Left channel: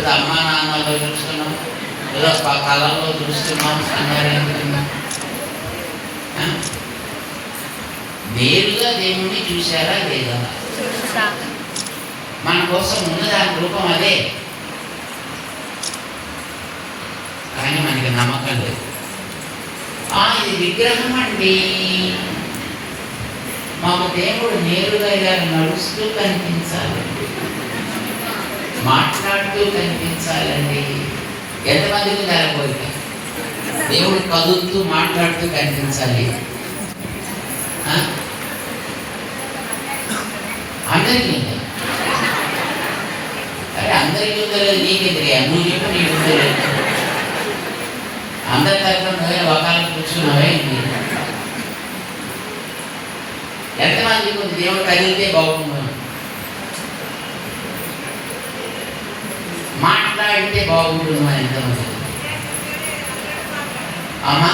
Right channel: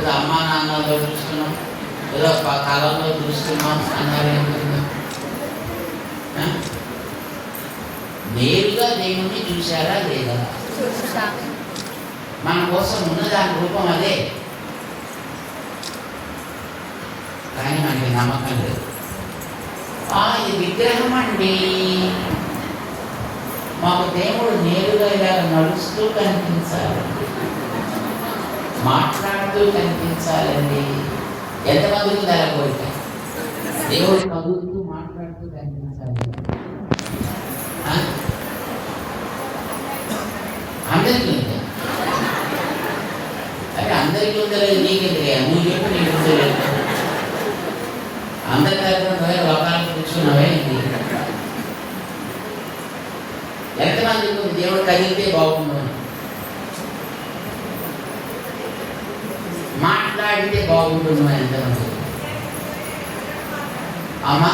ఏదో అమ్మా నాన్నలో చూస్తున్నాం, ఏదో కళలో చూస్తున్నాం అన్నారేంటి? నేరుగా దేవుణ్ణి చూశారా లేదా? మన కోసం ఉన్న దాని రూపం అదే, కానీ మనకి నమ్మకం లేదు. ఇది విగ్రహం అండి, మాకు దేవుడు నేరుగా ఇలా నడుస్తూ కనిపించాలండి, మాట్లాడుతూ కనిపించాలండి. ఎంతమందికి జరగబోతుంది? దేవుడు కదులుతూ మాట్లాడుతూ కనిపించాలి. అందరికీ అరే అందరికీ ఉందలేదు, నీకెదిగా నువ్వు చెప్పి నీకు ఉందలేదు. అందరి తరఫున ఒకళ్ళు కూర్చున్నావే. ఎంతమందికి దేవుడు కదిలితే బాగుండు, మాట్లాడితే బాగుంటుంది ఎంతమంది? అమ్మా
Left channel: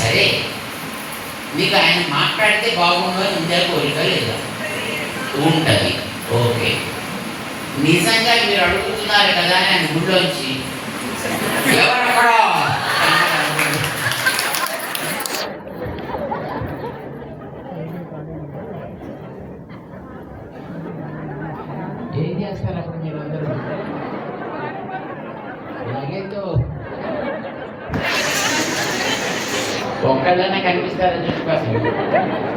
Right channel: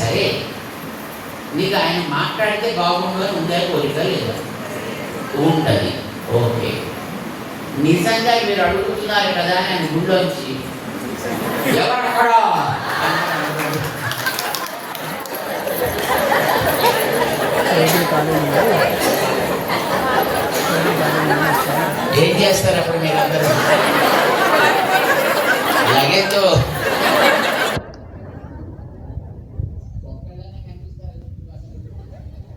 సరే, మీకు ఆయన మాట్లాడితే బాగుండు అని ఉండే కోరిక లేదా? ఉంటుంది. ఓకే, నిజంగా మీరు అడుగుతున్నారు కదా ఆయన గుళ్ళోంచి ఎవరక్కడ ఏం చేస్తారు అప్పుడు మీరు అందరూ? లగేజ్తో ఒక్కళ్ళనే కనిపిస్తారని చెప్పి